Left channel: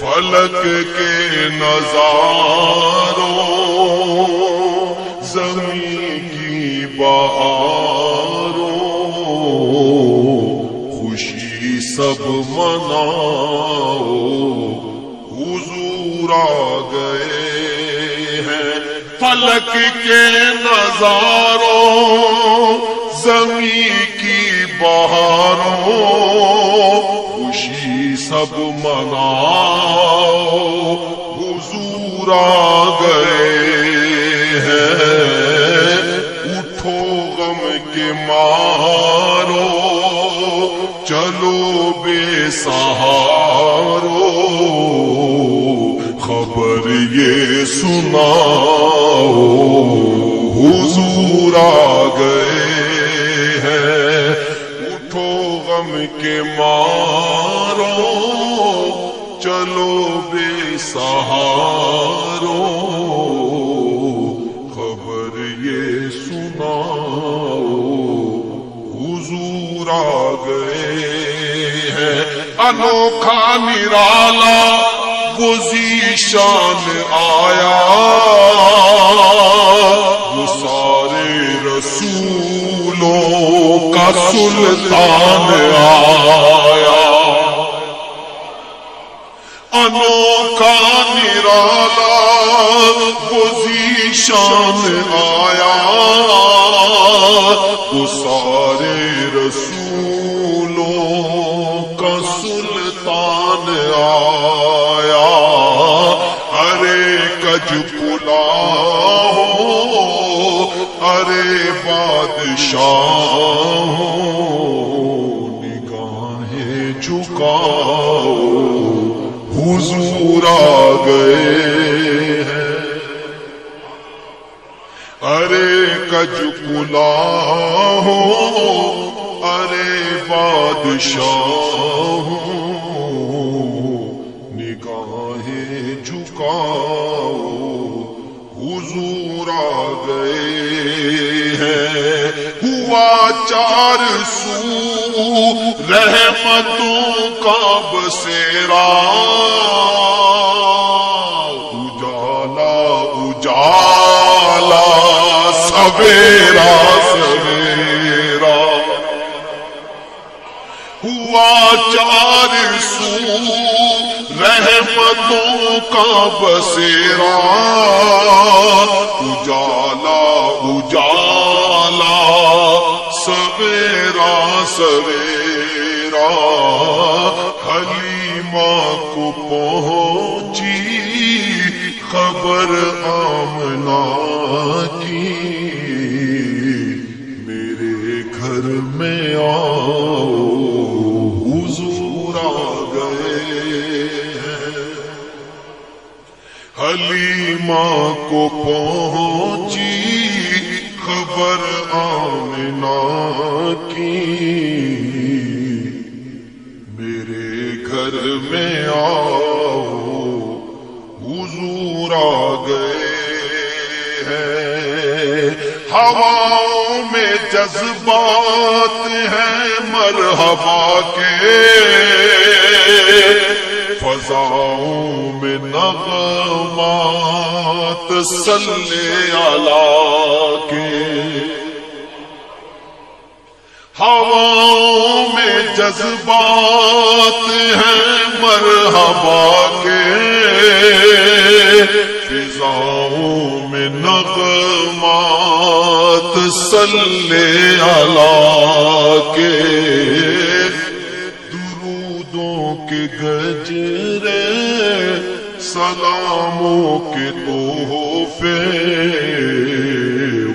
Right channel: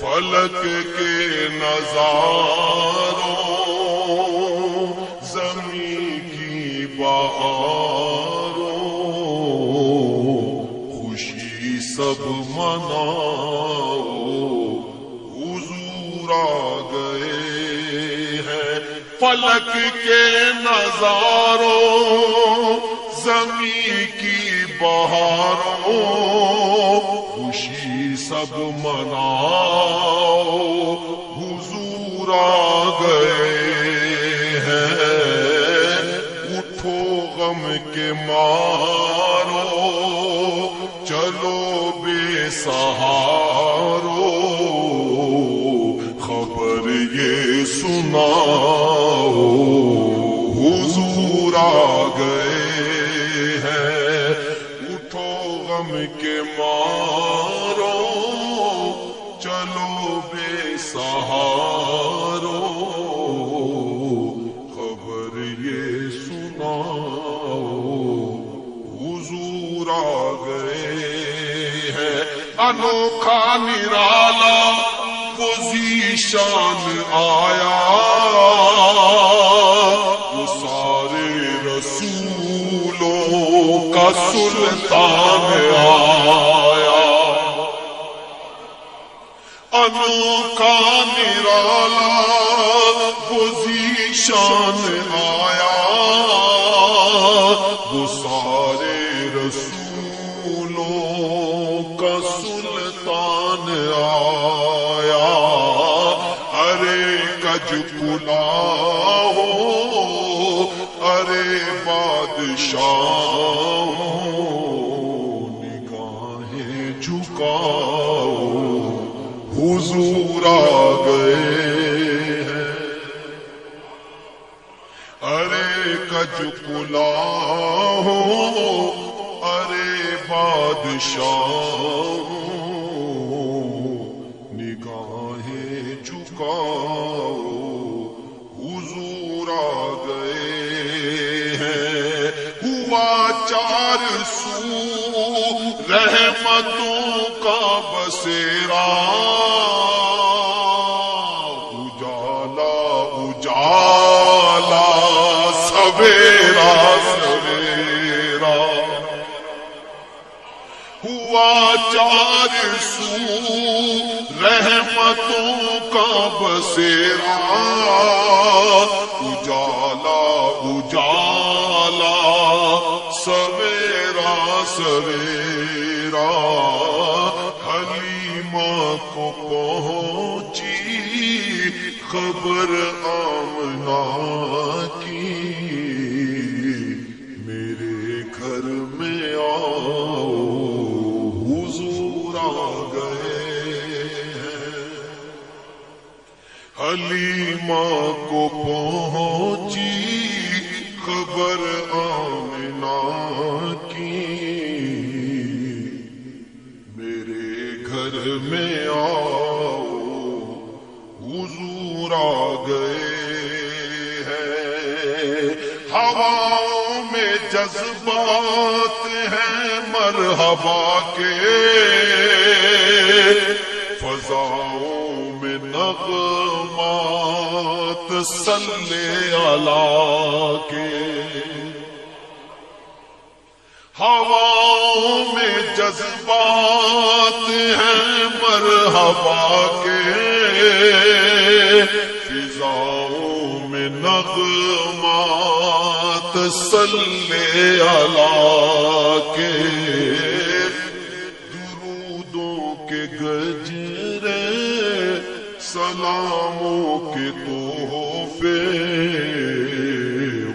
فلک کے نظاروں زمین کی بہاروں خوشی سب مناؤ حضور آ گئے ہیں. فلک کے نظاروں زمین کی بہاروں خوشی سب مناؤ حضور آ گئے ہیں. اٹھو غم کے مارو چلو بے سہارو خبر یہ سناؤ حضور آ گئے ہیں. اٹھو غم کے مارو چلو بے سہارو خبر یہ سناؤ حضور آ گئے ہیں. انوکھا نرالا وہ ذیشان آیا وہ سارے رسولوں کا سلطان آیا. انوکھا نرالا وہ ذیشان آیا وہ سارے رسولوں کا سلطان آیا. ارے کج پلا ہو ارے بادشاہ ہو نگاہیں جھکاؤ حضور آ گئے ہیں. ارے کج پلا ہو ارے بادشاہ ہو نگاہیں جھکاؤ حضور آ گئے ہیں. ہوا 400 رحمتوں کا بسیرا اجالا اجالا سویرا سویرا. ہوا 400 رحمتوں کا بسیرا اجالا اجالا سویرا سویرا. حلیمہ کو پہنچی خبر آمنہ کی میرے گھر میں آؤ حضور آ گئے ہیں. حلیمہ کو پہنچی خبر آمنہ کی میرے گھر میں آؤ حضور آ گئے ہیں. ہواؤں میں جذبات ہیں مرحبا کے فضاؤں میں نغمات صلی اللہ کے. ہواؤں میں جذبات ہیں مرحبا کے فضاؤں میں نغمات صلی اللہ کے. درودوں کے گجرے سلاموں کے تحفے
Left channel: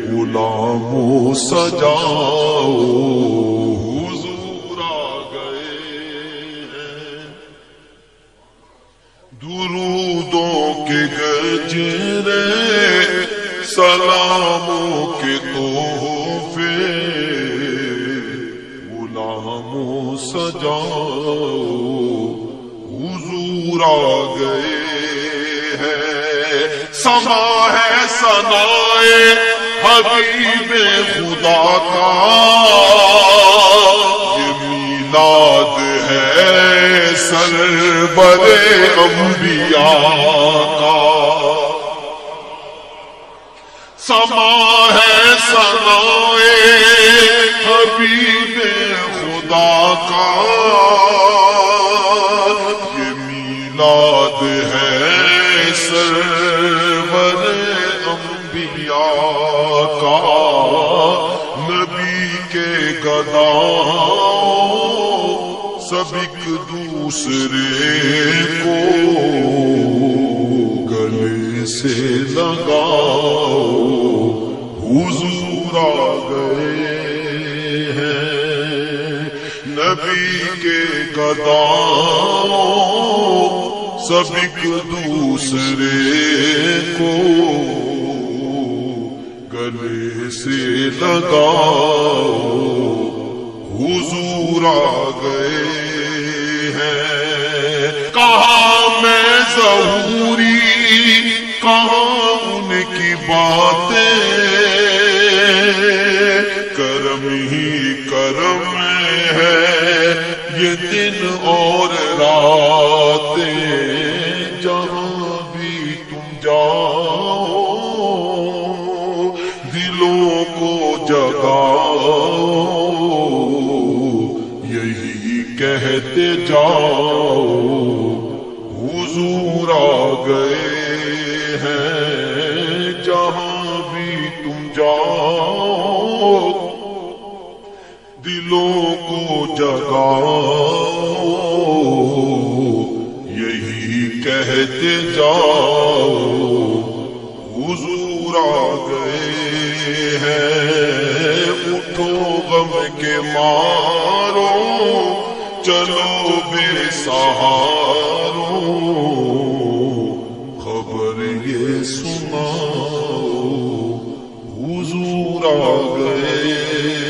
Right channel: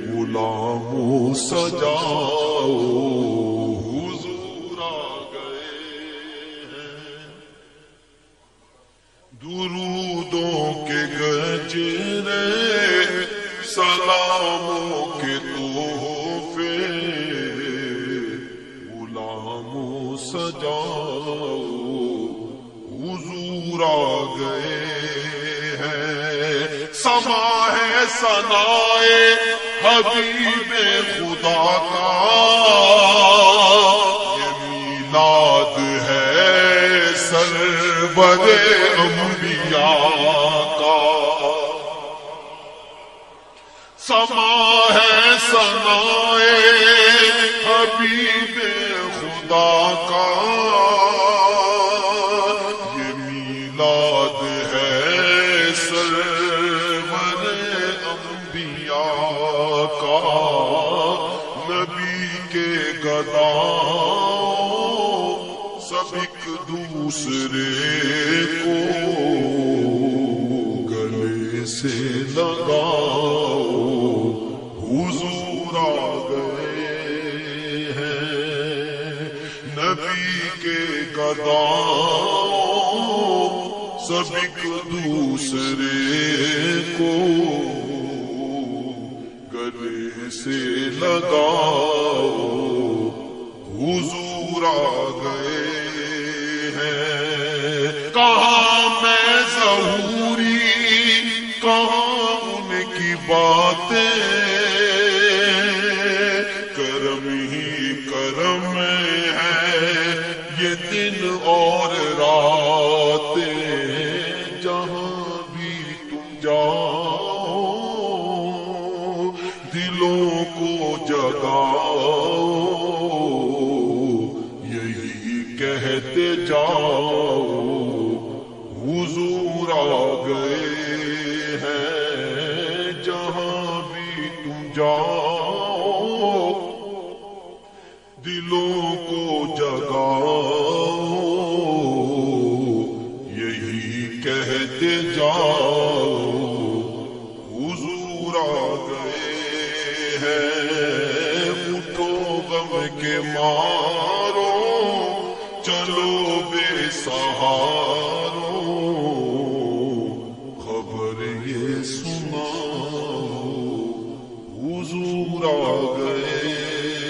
غلاموں سجاؤ حضور آ گئے ہیں. درودوں کے گجرے سلاموں کے تحفے غلاموں سجاؤ حضور آ گئے ہیں. سما ہے ثنائے حبیب خدا کا یہ میلاد ہے سر سرور انبیاء کا سما ہے ثنائے حبیب خدا کا یہ میلاد ہے سرور انبیاء کا نبی کے گداؤں سب ایک دوسرے کو گلے سے لگاؤ حضور آ گئے ہیں نبی کے گداؤں سب ایک دوسرے کو گلے سے لگاؤ حضور آ گئے ہیں کہاں میں ظہوری کہاں ان کی باتیں کرم ہی کرم ہے یہ دن اور راتیں جہاں بھی تم جاؤ دلوں کو جگاؤ یہی کہتے جاؤ حضور آ گئے ہیں جہاں بھی تم جاؤ دلوں کو جگاؤ یہی کہتے جاؤ حضور آ گئے ہیں اٹھو غم کے مارو چلو بے سہارو خبر یہ سناؤ حضور آ گئے